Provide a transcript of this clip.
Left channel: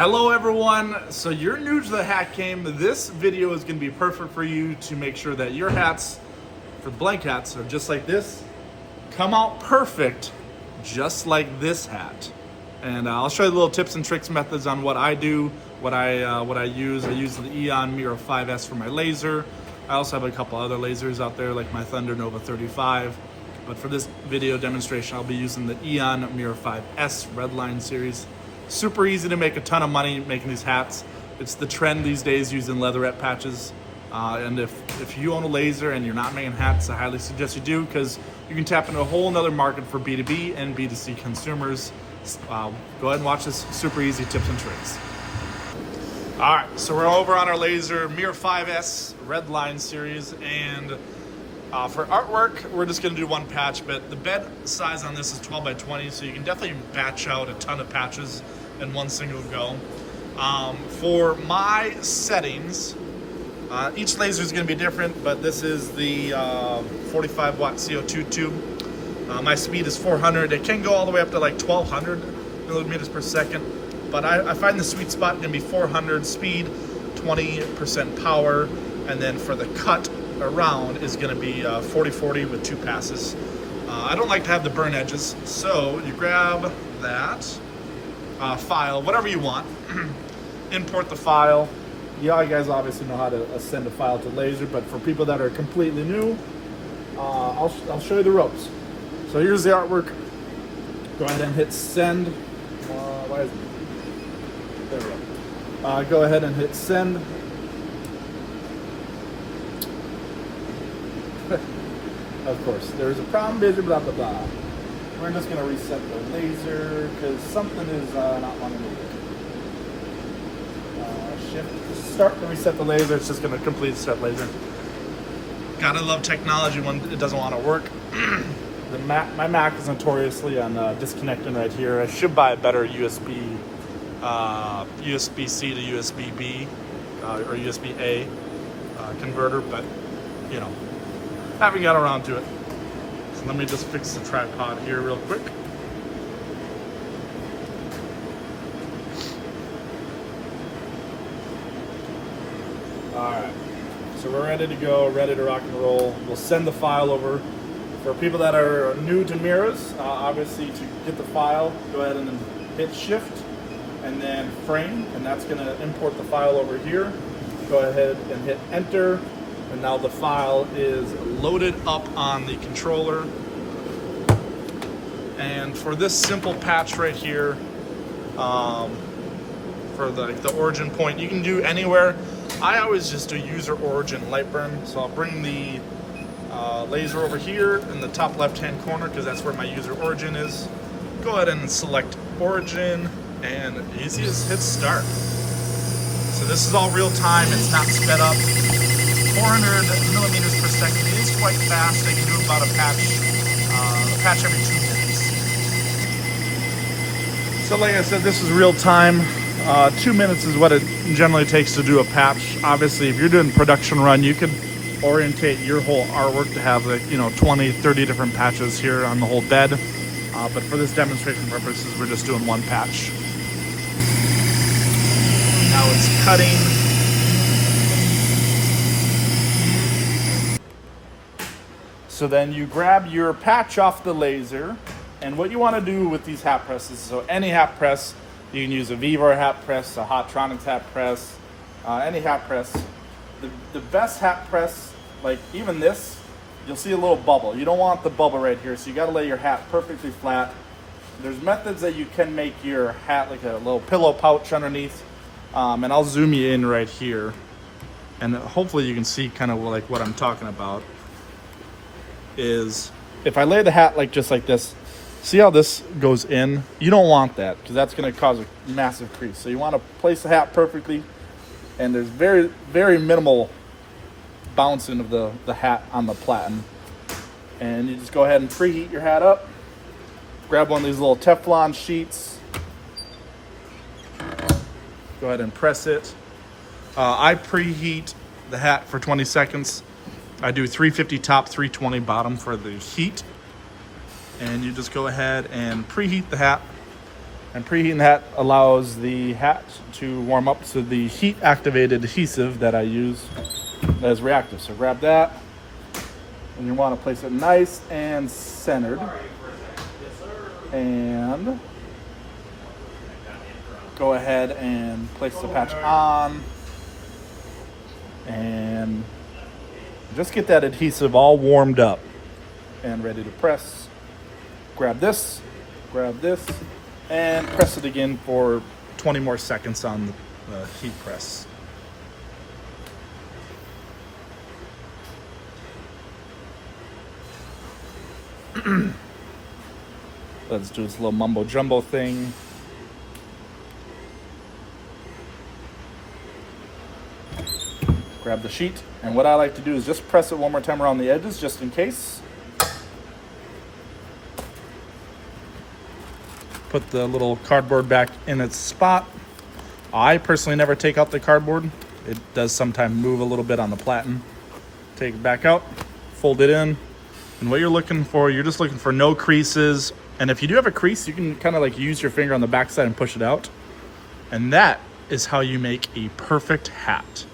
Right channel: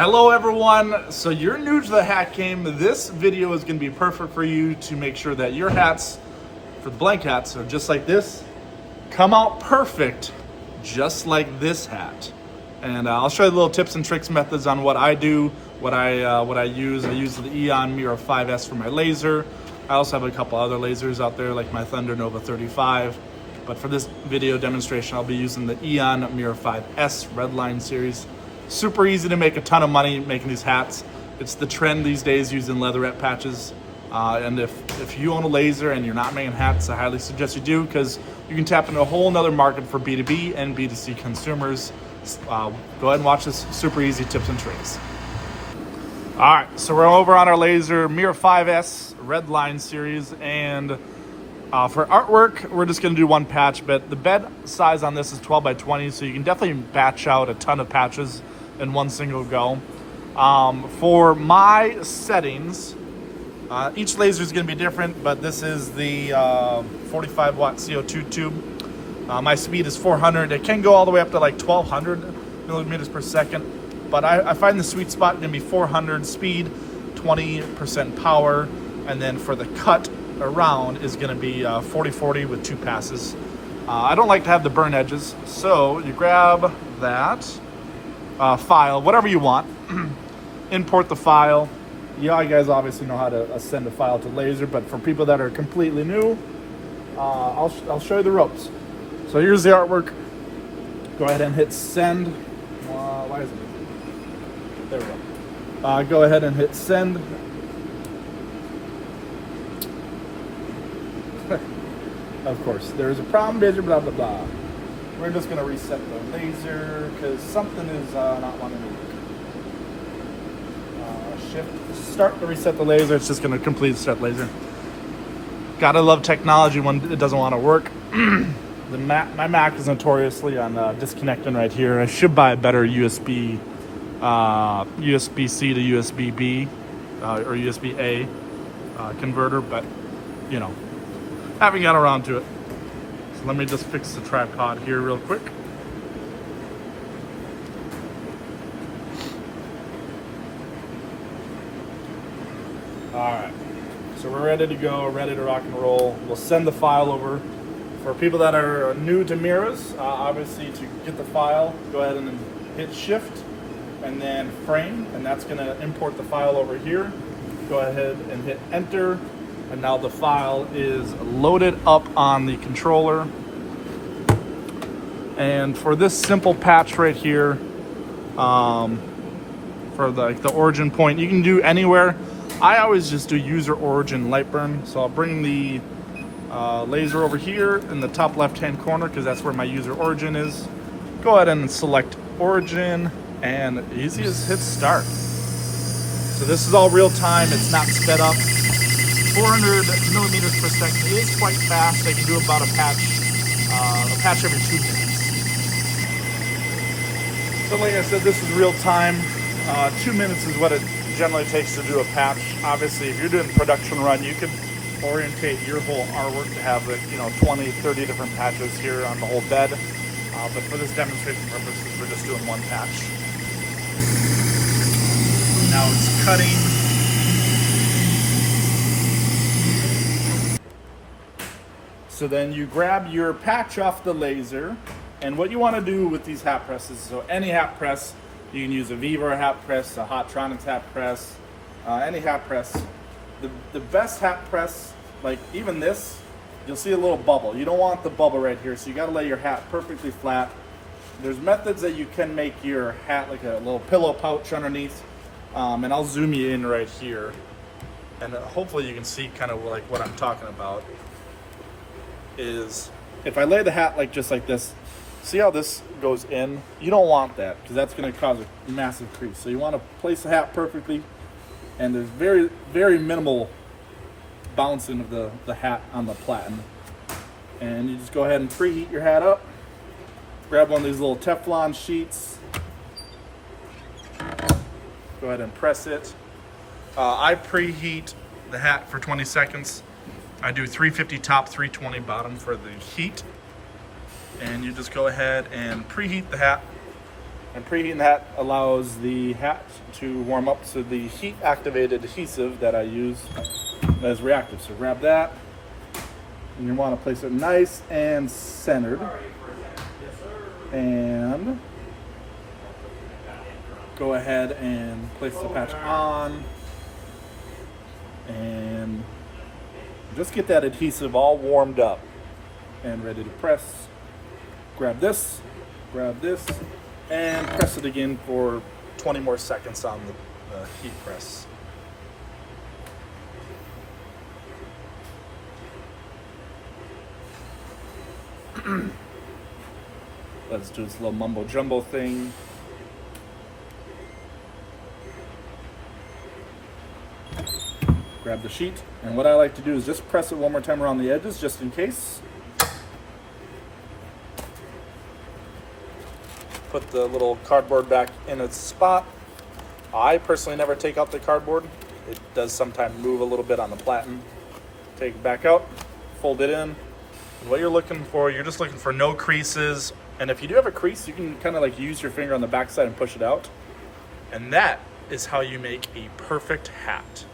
Hello everyone, so you're new to the hat game. This video is going to be perfect for you to make sure that your hats, for the blank hats, are just like this, come out perfect, just like this hat. And I'll show you little tips and tricks methods on what I do, what I use. I use the Eon Mirror 5S for my laser. I also have a couple other lasers out there like my Thunder Nova 35. But for this video demonstration, I'll be using the Eon Mirror 5S Redline series. Super easy to make a ton of money making these hats. It's the trend these days using leatherette patches. And if you own a laser and you're not making hats, I highly suggest you do, because you can tap into a whole nother market for B2B and B2C consumers. Go ahead and watch this super easy tips and tricks. All right, so we're over on our laser Mirror 5S Redline series, and for artwork, we're just gonna do one patch, but the bed size on this is 12 by 20, so you can definitely batch out a ton of patches in one single go. For my settings, each laser is gonna be different, but this is the 45 watt CO2 tube. My speed is 400. It can go all the way up to like 1200 millimeters per second, but I find the sweet spot gonna be 400 speed, 20% power, and then for the cut around is going to be 40-40 with 2 passes. I don't like to have the burn edges, so you grab that file, whatever you want, import the file. You guys obviously know how to send a file to laser, but for people that are completely new, I'll show you the ropes. So here's the artwork. Go ahead and hit send. Why is it? There we go. Go ahead and hit send. Of course, there's a problem, blah, blah, blah. We're just gonna reset the laser because something is not wanting to work. Shift, start to reset the laser. It's just gonna complete set laser. Gotta love technology when it doesn't want to work. My Mac is notoriously on disconnecting right here. I should buy a better USB-C to USB-B or USB-A converter, but you know, haven't got around to it. So let me just fix the tripod here real quick. Alright, so we're ready to go, ready to rock and roll. We'll send the file over. For people that are new to mirrors, obviously to get the file, go ahead and hit shift and then frame, and that's going to import the file over here. Go ahead and hit enter. And now the file is loaded up on the controller. And for this simple patch right here, for the origin point, you can do anywhere. I always just do user origin light burn. So I'll bring the laser over here in the top left-hand corner because that's where my user origin is. Go ahead and select origin, and easy as hit start. So this is all real time. It's not sped up. 400 millimeters per second is quite fast. I can do about a patch every 2 minutes. So like I said, this is real time. 2 minutes is what it generally takes to do a patch. Obviously, if you're doing production run, you can orientate your whole artwork to have 20, 30 different patches here on the whole bed. But for this demonstration purposes, we're just doing one patch. Now it's cutting. So then you grab your patch off the laser, and what you want to do with these hat presses, so any hat press, you can use a Vivor hat press, a Hotronix hat press, any hat press. The best hat press, like even this, you'll see a little bubble. You don't want the bubble right here, so you got to lay your hat perfectly flat. There's methods that you can make your hat like a little pillow pouch underneath, and I'll zoom you in right here, and hopefully you can see kind of like what I'm talking about. Is if I lay the hat just like this, see how this goes in? You don't want that because that's going to cause a massive crease. So you want to place the hat perfectly, and there's very, very minimal bouncing of the hat on the platen. And you just go ahead and preheat your hat up. Grab one of these little Teflon sheets. Go ahead and press it. I preheat the hat for 20 seconds. I do 350 top, 320 bottom for the heat. And you just go ahead and preheat the hat. And preheating that allows the hat to warm up to the heat activated adhesive that I use that is reactive. So grab that, and you want to place it nice and centered. And go ahead and place the patch on. And just get that adhesive all warmed up and ready to press. Grab this, and press it again for 20 more seconds on the heat press. Let's do this little mumbo jumbo thing. Grab the sheet, and what I like to do is just press it one more time around the edges just in case. Put the little cardboard back in its spot. I personally never take out the cardboard. It does sometimes move a little bit on the platen. Take it back out, fold it in, and what you're looking for, you're just looking for no creases. And if you do have a crease, you can kind of like use your finger on the back side and push it out. And that is how you make a perfect hat.